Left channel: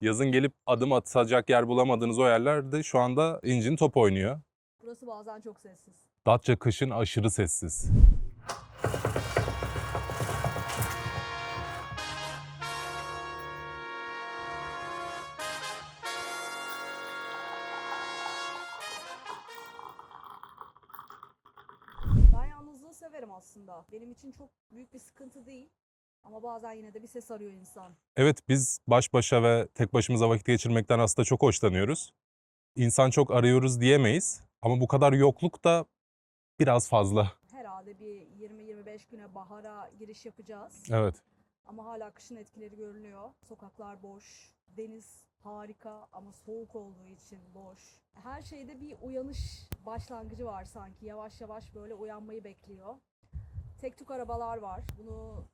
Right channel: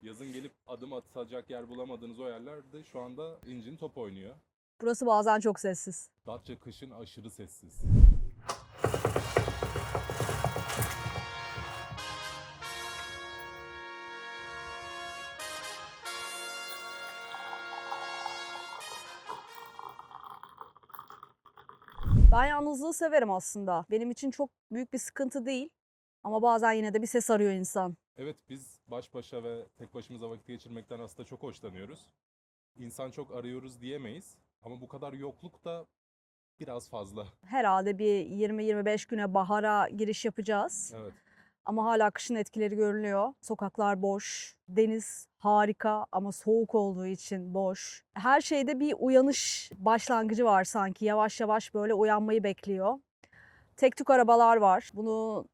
Yazın gelip adım atacak yer bulamadığınız o yerlerde şu anda incin top oynuyor. Burası bazen çok sessiz. Datça kışın aşırı sessiz. Ben yalnızlığı severim aslında. Benim için çok büyük bir sıkıntı değil. Ama bazen yine de bir ses arıyor insan. Evet, biz baş başa ve tek başımıza vakit geçirmekten aslında çok hoşlanıyoruz. İnsan çok arıyoruz diyemeyiz ama bu kadar yokluk da biraz fazla. Herhalde bir 20-25 güne bahara giriş yapacağız. Evet. Ama hala kışın etkileri görünüyor. Sokaklar boş, deniz harika ama soğuk olduğu için boş. Her şeyde bir uyanış başlangıcı var sanki. Yavaş yavaş böyle uyanmayı bekliyor. Tek tük arabalar var.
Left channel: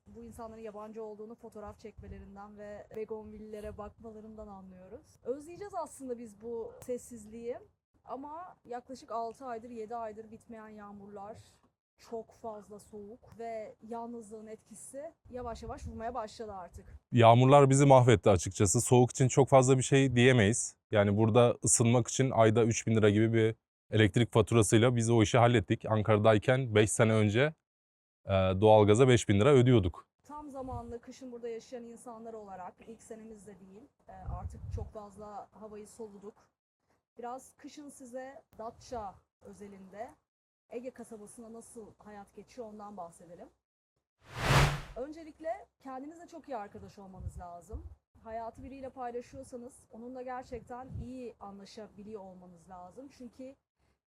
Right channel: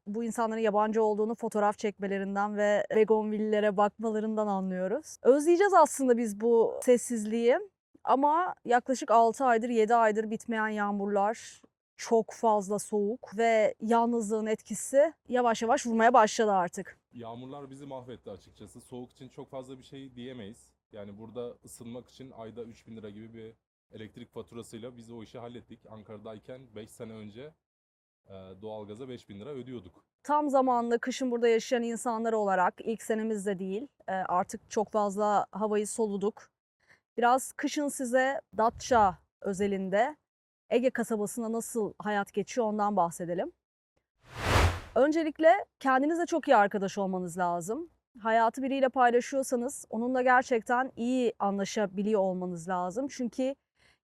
Bu insanların yabancı olduğunu fotoğraf çekmelerinden ve begonvillere bakmalarından anlıyoruz. Özleyeceğiz aslında biz bu sessizliği. Ama yaklaşık 6 aydır, 7 aydır bitmeyen yağmurlar, çok fazla soğuk ve yalnızlığın etkisi yavaş yavaş vurmaya başladı artık. Yağmurlar bizi mahvetti açıkçası. Soğuk için çok fazla bir şey diyemeyiz. Yani burada ısınmak için ayda 3.000 lira gibi bir elektrik faturasıyla biz o işi hallettik. Ankara'dayken 5 sene önce doğalgaza 5.000 lira ödüyorduk. Tam zamanlı kışın burada yaşayan insanlar olarak ilk senemizde değil, artık çok fazla havayı soluduk. Biraz kışın size Datça özelinde Ege kasabasında nasıl hayat geçiyor ondan bahsedelim. Öncelikle kendinizle çok iyi arkadaş olmanız lazım. Hayatı biriyle paylaşıyorsanız onunla gerçekten iyi anlaşabiliyor olmanız lazım. Çünkü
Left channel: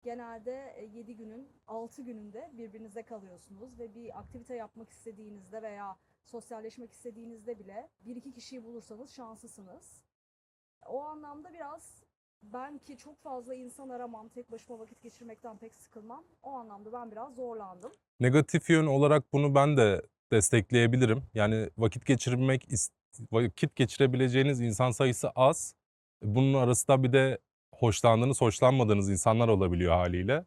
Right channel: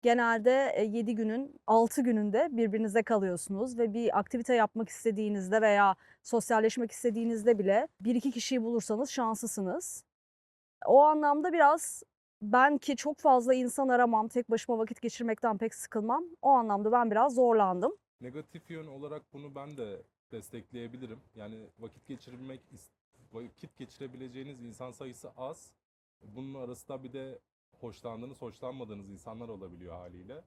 genelde 7 günün 6 gününde birbirinize kalıyorsunuz ve bir aktivite yapmak istediğinizde veya sosyalleşmek istediğinizde bile bir iki kişiyi bulursanız şanslısınız. O anlamda biraz ben ki çok fazla insan aramam, tek başıma vakit geçirmekten pek sıkılmam. O anlamda ben biraz zorlandım. Negatif yön olarak bunu ben de destekleyebilirim. Yani vakit geçirebileceğiniz insan sayısı az. Bunun arasında bir de hoşlandığınız, hoşlanmadığınız insanlar olabiliyor haliyle.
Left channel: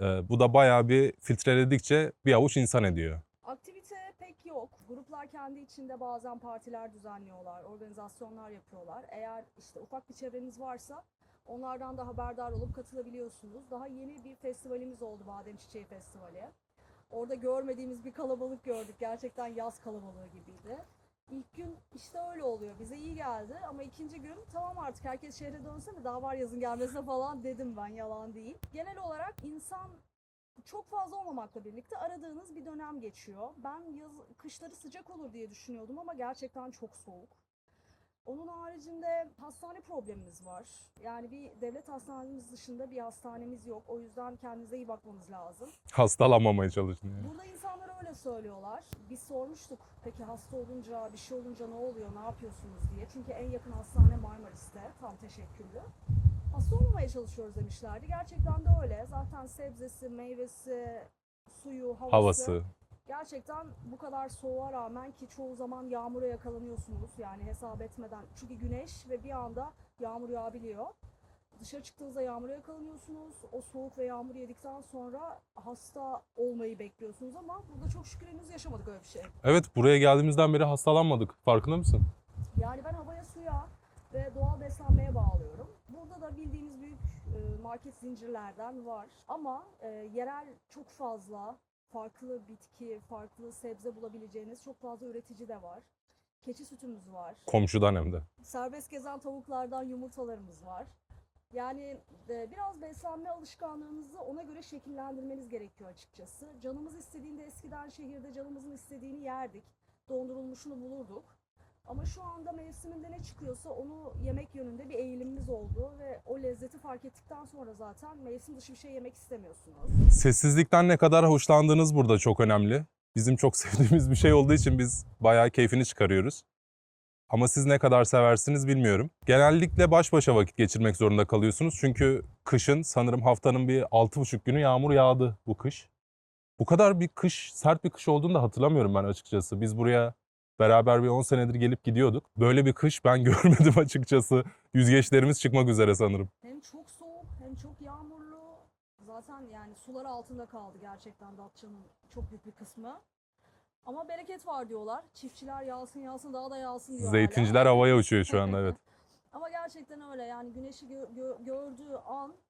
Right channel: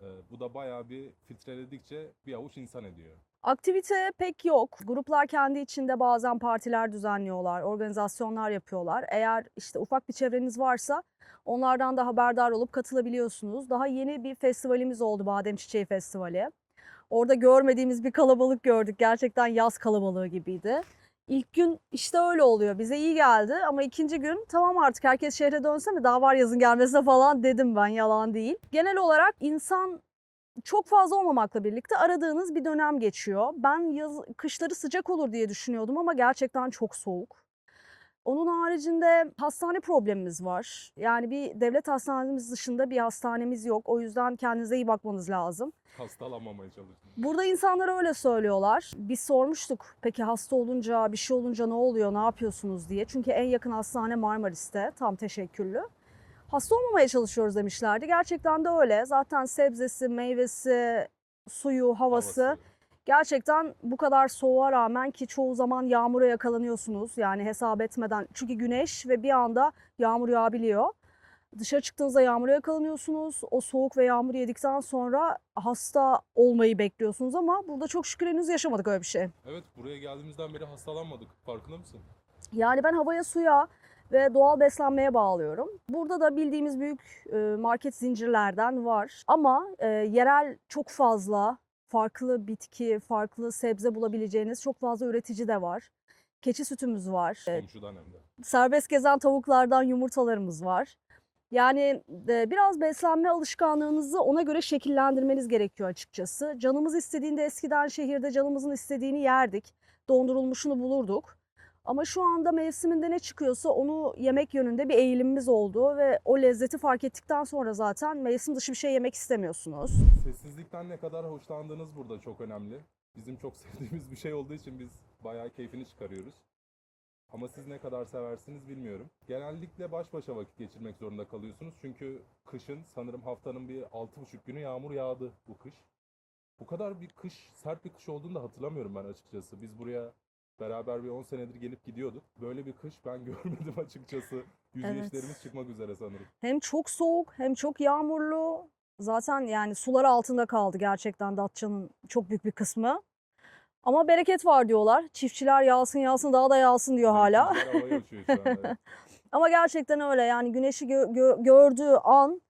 Bu da bayağı bir filtreledikçe bir avuç insan ediyor. Aktivite pek yok. Gruplar kendi içinde bazen partiler düzenliyorlar, organizasyonlar yapıyorlar. Eğer işte ufak bir çevreniz varsa onlardan da haberdar olup katılabiliyorsunuz. Daha yeni bir festivalimiz oldu, Badem Çiçeği Festivali. Orada görmediğimiz bir kalabalık gördük. Gerçekten yaz kalabalığı gibiydi. İlk gün işte öyle oluyor. Bize iyi geldi ama ikinci gün tamam artık herkes şehre dönse mi daha var yazın gelmesine falan dedim ben, yalan değil. Genel olarak insan çok fazla olmamakla birlikte aradığınız bir dönem geçiyor. Ben kışları sıcak olur diye düşünüyordum ama gerçekten çok soğuk. Onun haricinde hastane problemimiz var. Yani bir devlet hastanemiz dışında bir hastanemiz yok. O yüzden kendinize iyi bakmanız lazım. Hastalanmamaya çalışın. Burada insanlar öyle söylüyorlar. Biz sormuştuk, peki hasta olunca, bir şey olunca ne oluyor, ne yapıyorsunuz diye. Çünkü en yakın hastane Marmaris'te, tam teşekküllü. Hasta olmamaya çalışıyoruz demişlerdi. Gerçekten de öyle. Zaten sebzesi, meyvesi, suyu, havası Havası. gerçekten bu kadar soğuğa rağmen, ki çoğu zaman yağmura yakalanıyorsunuz. Yani hesap etmeden. Çünkü güneş ve bir anda yağmur yağabiliyor. Dışarı çıktığınızda yağmura yakalanıyorsunuz. O soğuk ve yağmur yedikten sonra hasta olmayı bekliyorsunuz ama burada çok şükür henüz yaşamadık öyle bir şey. Evet, buraya geldiğimizden beri hastalanmadık. Farkında mısın? Yani ben havaya, suya ve doğal beslenmeye bağlıyorum. Burada da bildiğimiz büyük market zincirlerden var. Ama yerel çok fazla farklı bitki, farklı sebze bulabileceğiniz çok fazla üretici de var. Keçi sütümüz var. Komşudan hem de. Serbest gezen tavuklardan yumurtalarımız var. Yani biraz beslenme alışkanlığınızı ona göre şekillendirmeniz gerekiyor açıkçası. Canımız istediğinde eskiden şehirde canımızın istediğini yerdik. Dondurulmuşunu bulurduk. Ama şu anda mevsiminde ne çıkıyorsa onu yemek yönünde bir eğilimimiz oldu ve o lezzeti fark ettikten sonra zaten mevsim dışı bir şey yemek istemiyorsunuz. Sessizlikten ne kadar hoşlandığınız burada çok önemli. Bizim çok sevdiğimiz bir şey olduğu için biz bayağı keyfini çıkarıyoruz. Ama siz ne kadar seversiniz bilmiyorum. Genellikle baş başa vakit geçirmek zorunda kalıyorsunuz. Çünkü kışın sanırım haftanın bir 6,5 günü yağmur yağdı bu kış. Bu kadar bir kış, sert bir kış olduğunu da hatırlamıyorum ben açıkçası. Biz buraya beraber bir 10 senedir gelip gidiyorduk. Böyle bir kış ben görmedim açıkçası. Evet. Yüzgeçlerimiz çıkmak üzere sanırım. Hem çok soğuk hem çok yağmurlu. Zaten yani sular altında kaldı gerçekten Datça'nın çok büyük bir kısmı. Ama bereket var diyorlar. Çiftçiler yağsın yağsın daha da yağsın diyor hala. Zeytinciler havaya uçuyor şu anda, evet. Ama gerçekten öyle, yani güneşi gördüğü an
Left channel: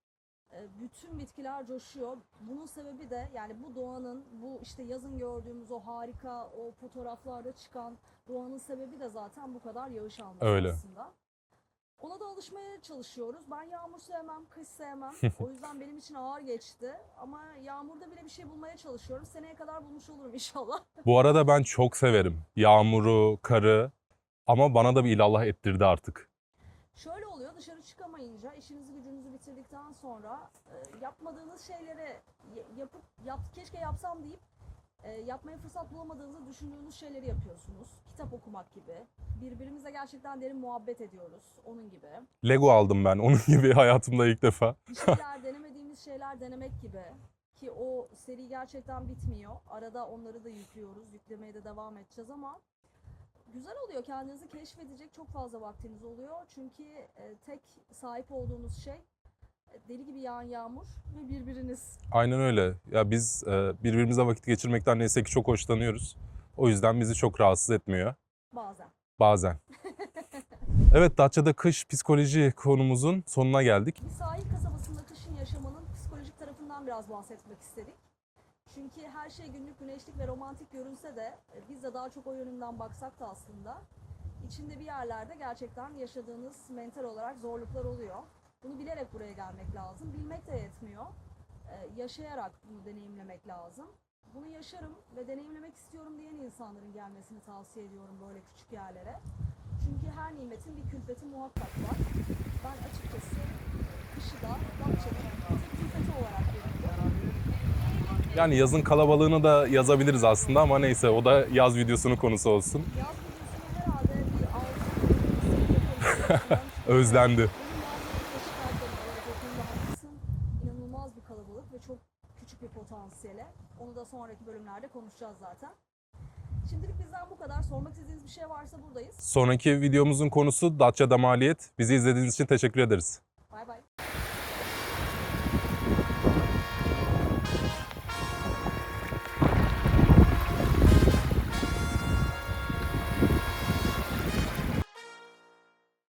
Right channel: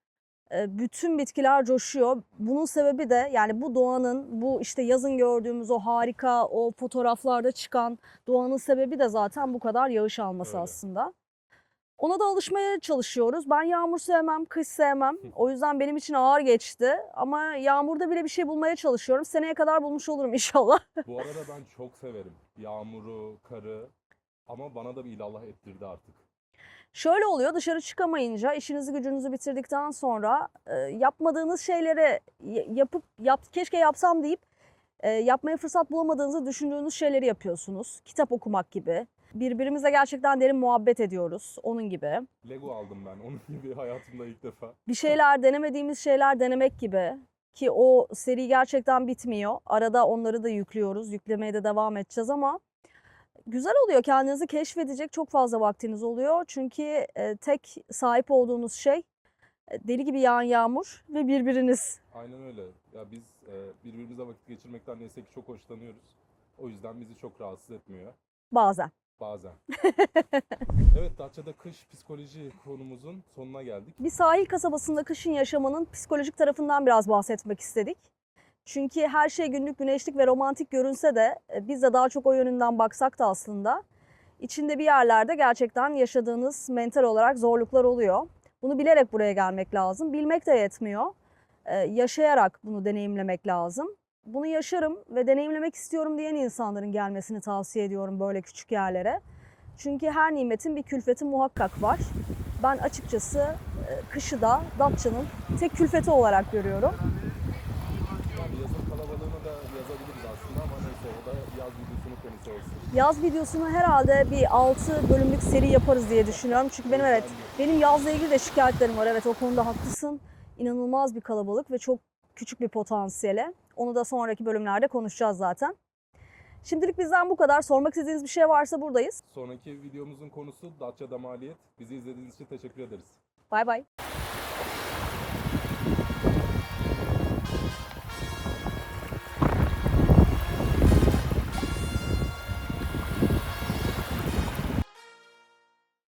bütün bitkiler coşuyor. Bunun sebebi de yani bu doğanın, bu işte yazın gördüğümüz o harika, o fotoğraflarda çıkan doğanın sebebi de zaten bu kadar yağış alması Öyle. aslında. Ona da alışmaya çalışıyoruz. Ben yağmur sevmem, kış sevmem. O yüzden benim için ağır geçti. Ama yağmurda bile bir şey bulmaya çalışıyorum. Seneye kadar bulmuş olurum inşallah. Bu arada ben çok severim yağmuru, karı ama bana da bir ilallah ettirdi artık. Şöyle oluyor, dışarı çıkamayınca, işinizi gücünüzü bitirdikten sonra yapmadığınız şeyleri keşke yapsam deyip yapmaya fırsat bulamadığınızı düşündüğünüz şeyleri yapıyorsunuz. Kitap okumak gibi. Birbirimizle gerçekten derin muhabbet ediyoruz, onun gibi. Lego aldım ben onun gibi hayatımda ilk defa. Bir şeyler denemediğimiz şeyler denemek gibi. Ki o seri gerçekten bitmiyor. Arada onları da yüklüyoruz. Yüklemeye de devam edeceğiz ama güzel oluyor. Kendinizi keşfedecek çok fazla vaktiniz oluyor. Çünkü tek sahip olduğunuz şey deli gibi yağan yağmur ve birbiriniz. Aynen öyle. Ya biz birbirimizle vakit geçirmekten neyse ki çok hoşlanıyoruz. O yüzden bizi çok rahatsız etmiyor Bazen. bazen. Evet, Datça'da kış psikoloji konumuzun sonuna geldik. Bir sahil kasabasında kışın yaşamanın psikolojik tarafından biraz bahsetmek istedik. Çünkü her şey günlük güneşlik ve romantik görünse de biz de daha çok o yönünden baksak da aslında içinde bir yerlerde gerçekten yaşadığınız mental olarak zorluklar oluyor. Bunu bilerek buraya gelmek lazım. Bilmek de yetmiyor. Yaşayarak bunu deneyimlemek lazım. Bunu yaşarım ve deneyimlemek istiyorum diyen insanların gelmesini tavsiye ediyorum böyle küçük yerlere. Çünkü her nimetin bir külfeti muhakkak var. Ben açıkçası kışı da Datça'nın tek külfeti olarak görüyorum. Yani yazın kalabalığını da yazabiliriz aslında ama neyse, o da yaz videosunun konusu olsun. Yaz videosunu herhalde bir 6 bölümlük seri yaparız diye düşünüyorum. Çünkü Özlendi. evet, benim yazla ilgili de şikayetlerim var. Evet, o konuda haklısın. İnanılmaz bir kalabalık ve çok küçük bir potansiyele. Onu da sonraki bölümlerde konuşacağız zaten. Şimdilik bizden bu kadar. Sormak istediğiniz bir şey varsa buradayız. Sonraki videomuzun konusu Datça'da maliyet. Bizi izlediğiniz için teşekkür ederiz. Bay bay.